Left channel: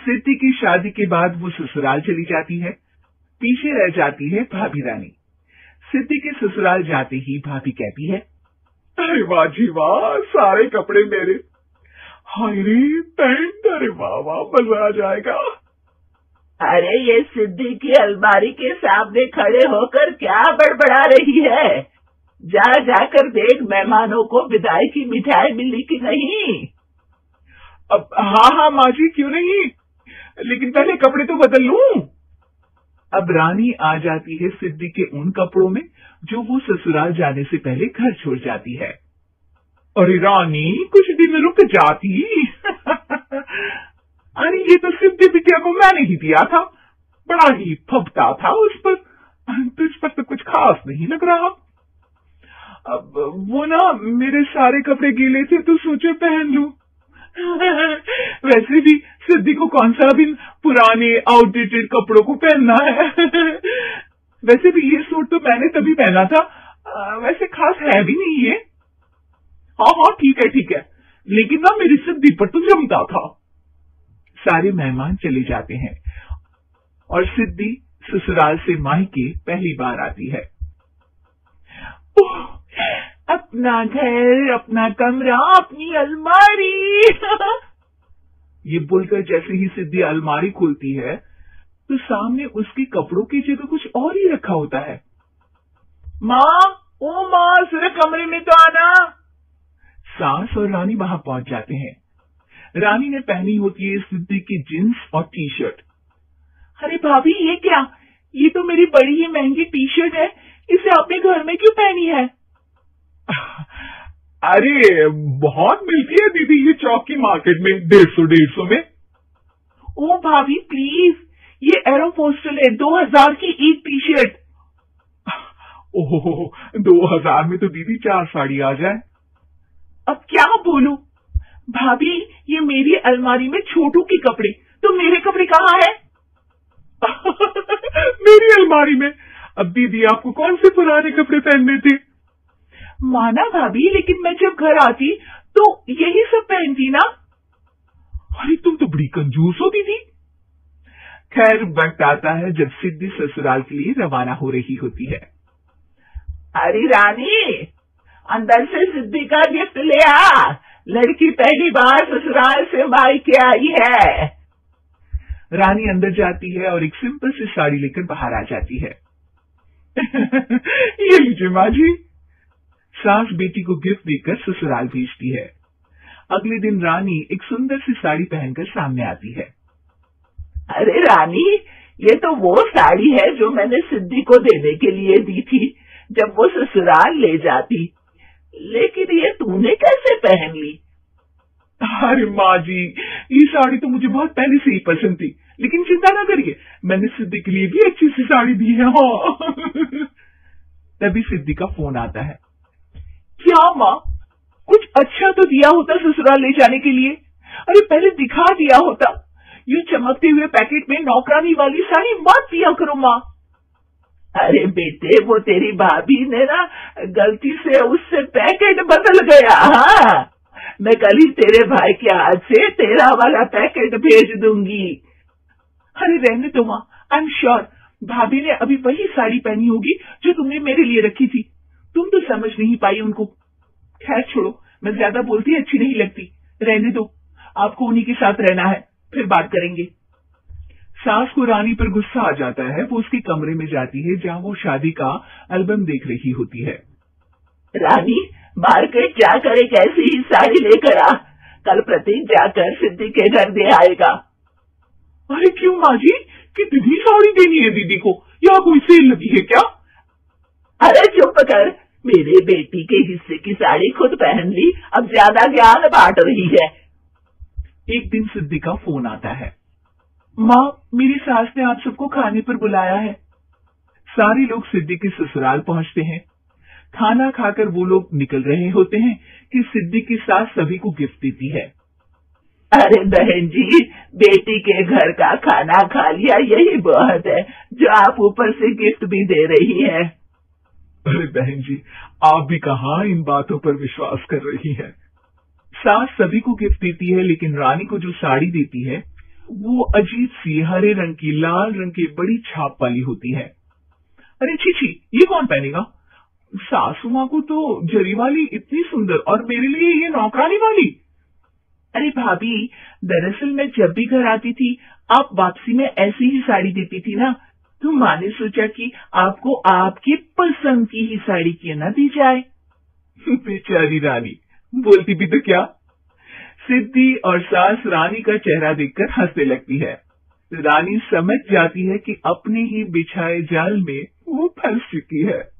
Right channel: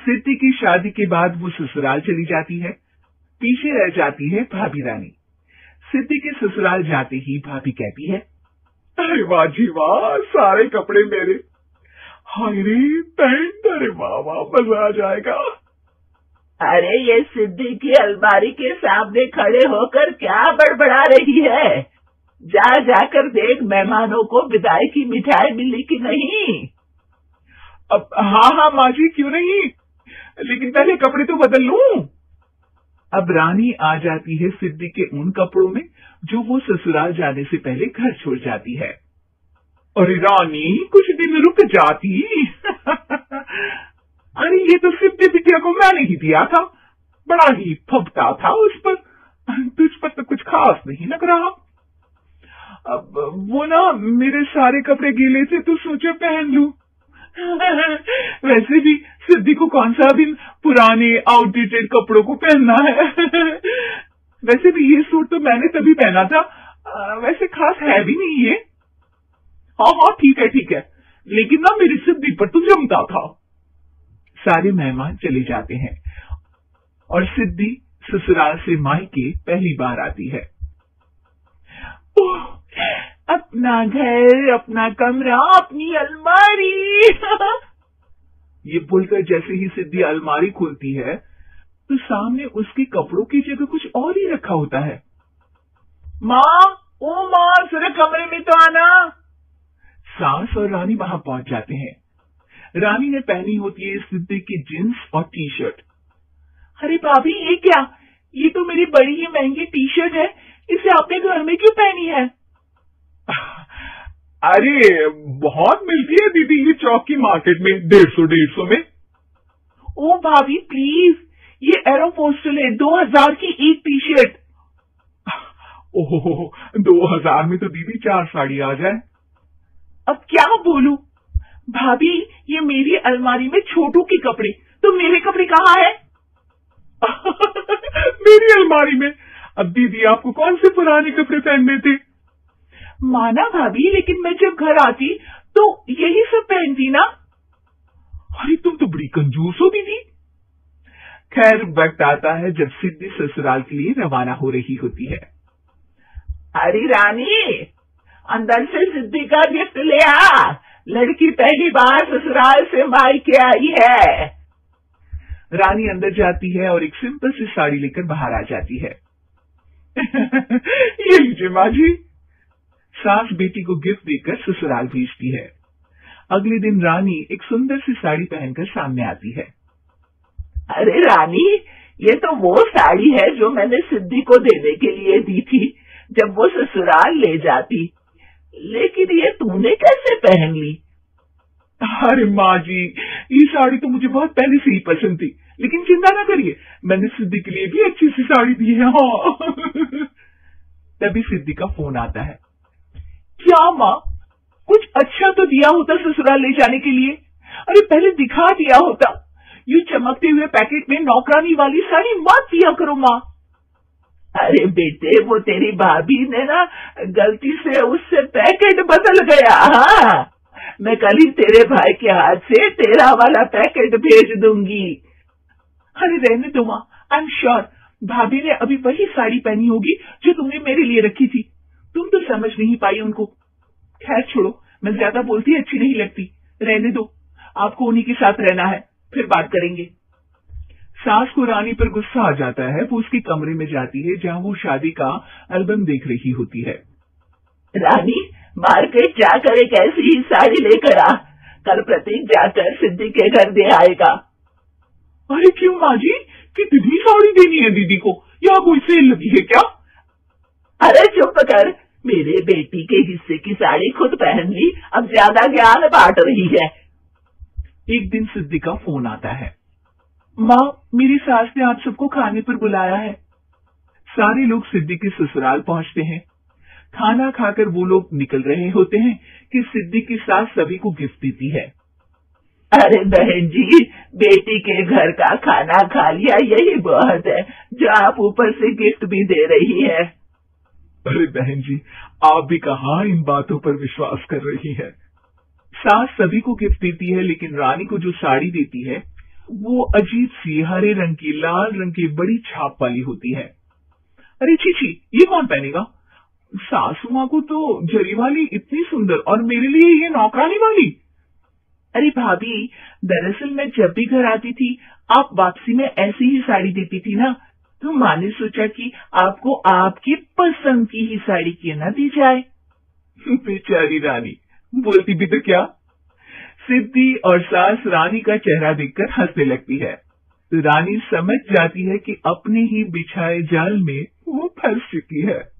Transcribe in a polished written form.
सिद्धि की शादी के बाद वो ससुराल चली जाती है। पीछे रह जाती है भाभी रानी। सिद्धि के ससुराल जाते ही भाभी कहती है, अरे वाह जी वाह, सारे कपड़े मेरे। हाय रे पहन, अरे वाह वाह, मजा आ जाएगा। अरे ये सिद्धि की अलमारी के सामने खड़े होकर क्या बड़बड़ा रही है? जाकर देख मेहमानों को विदाई की मिठाई मिली कि नहीं। अब हाँ माँ जी, क्यों नहीं, लेकिन पहले कपड़े तो बदल लूं। अब रानी आ जाती है सिद्धि के उन कपड़ों में जो वो ससुराल जाने से पहले घर छोड़ जाती है। अरे रानी, कुछ दिन रुक जाती। अरे ये तो सिद्धि बिटिया को मैंने ही दिया था, बड़ा ही फबता था उस पर, तुझ पर तो कुछ खास नहीं लग रहा। अब वो ना मेरे सारे कपड़े गीले थे तो सोचा पहन लूं। वैसे भी सिद्धि को कौन सा दिन पुराने आउटडेटेड कपड़ों को पहनना है। वैसे भी ये सूट तो मैंने तभी पहना था, वैसे खास है भी नहीं है। हाँ ठीक है, लेकिन ना मेरी सिद्धि पर तो जमता था। सारे मेहमान चले जाते हैं और सिद्धि ससुराल से मायके पहली बार आती है। अपना घर, अपना कमरा, अपनी अलमारी। ये बोलकर जैसे ही सिद्धि अलमारी खुलती है तो सामने उसके कपड़ों की जगह कुछ और ही रखा होता है। माँ, जरा कमरे में तो आना। सास और रानी वहां पहुंच जाते हैं। रानी ने पहनी होती है सिद्धि की जींस और टी शर्ट। अरे भाभी, ये क्या? ये तो मेरी बड़ी ही महंगी टी शर्ट है, इसे आपने घर में क्यों पहनी है? अरे बहुत मिलती है दीदी ये चौक की मार्केट में, 150 में। ओ भाभी प्लीज, ये एरोपोस्टल है, 2000 की एक टी शर्ट। ओह 2000 में तो दीदी 4 साड़ी आ जाए। अब क्या बोलूं भाभी, ये मेरी अलमारी में छोटू के कपड़े, तो मेरे कपड़े कहाँ है? मेरी अलमारी में। अब दीदी आपको कौन से पुराने कपड़े पहनने थे? माना भाभी, लेकिन मैं जब घर आती तो यही सब पहनती ना। अरे तुम तो बड़ी कंजूस हो दीदी। खैर वक्त आता है जब सिद्धि ससुराल के लिए रवाना हो रही होती है। अरे रानी, अंदर से सिद्धि का गिफ्ट ले आ, लड़की पहली बार ससुराल से मायके आई है। रानी अंदर जाती है और एक सिंपल सी साड़ी लेकर बाहर आ जाती है। ये लीजिए माँ जी। सास बेटी को गिफ्ट देकर ससुराल भेजती है। अगले दिन रानी एक सुंदर सी साड़ी पहनकर सामने आती है। अरे रानी, ये तो वो साड़ी है जो मैंने सिद्धि को देने के लिए दी थी जब वो ससुराल ले जाती, लेकिन ये तूने कैसे पहन ली? अरे माँ जी, ये साड़ी तो मुझे बहुत पहले से ही पसंद थी, लेकिन चिंता ना करिए, मैंने सिद्धि के लिए भी अच्छी सी साड़ी दी है। हाँ। तभी सिद्धि का फोन आता है। क्या माँ, कुछ अच्छा तो दिया होता ससुराल ले जाने के लिए, अरे पहले दिखा दिया होता। ये चमकते हुए पैकेट में नौकरानी वाली साड़ी मत दिया करो माँ। अरे बेटे, वो तेरी भाभी ने ना गलती से उससे पैकेट बदल गया। हाँ, मैं कल ही तेरे भाई के हाथ से तेरा वाला पैकेट भेज दूंगी। अरे रहने दो माँ, आई एम श्योर भाभी ने अभी वही साड़ी पहनी होगी जो तुमने मेरे लिए रखी थी, तुम तो समझ नहीं पाई उनको। खैर छोड़ो, मैं ज्यादा बोलती अच्छी नहीं लगती, रहने दो, आपको उन्हीं के साथ रहना है, फिर बात करेंगे। सास को रानी पर गुस्सा आ जाता है। वो उसके कमरे में जाती है जहाँ वो शादी का एल्बम देख रही होती है। रानी, मार्केट जाकर एक ऐसी ही साड़ी लेकर आ, कल प्रतीक जाकर सिद्धि के घर दे आएगा। अरे क्यों माँ जी, कितनी साड़ी देनी है दीदी को? यहाँ कोई सेल लगी है क्या? अरे चुप कर, मेरे बेटी के हिस्से की साड़ी खुद पहन ली, अब ज्यादा ज्ञान बांट रही है। एक दिन सिद्धि का फोन आता है। माँ, मेरी सास ने आप सबको खाने पर बुलाया है। सारे लोग सिद्धि के ससुराल पहुँचते हैं। खाना खाकर वो लोग निकल रहे होते हैं कि सिद्धि की सास सभी को गिफ्ट देती है। अरे बहन जी, बेटी के घर का खाना खा लिया, यही बहुत है जो आप ऊपर से गिफ्ट भी दे रही है। अरे बहन जी, आप भी कहाँ इन बातों पर विश्वास कर रही है। सास सभी को गिफ्ट देती है, लेकिन रानी को जो साड़ी देती है वो अजीब सी हरे रंग की लाल रंग की बड़ी छाप वाली होती है। अरे चीची, ये कौन पहनेगा? सासू माँ को तो जरी वाली इतनी सुंदर, और मेरे लिए ये नौकरानी वाली। अरे भाभी, दरअसल मैं जब भी घर आती थी आप वापसी में ऐसी ही साड़ी देती थी ना, तो माँ ने सोचा कि आपको आपकी पसंद की ही साड़ी क्यों ना दी जाए। बेचारी रानी, बोलती भी तो क्या। सिद्धि और सास रानी का चेहरा देखकर हंसने लगती है। रानी समझ जाती है कि अपनी ही बिछाए जाल में वो फंस चुकी है।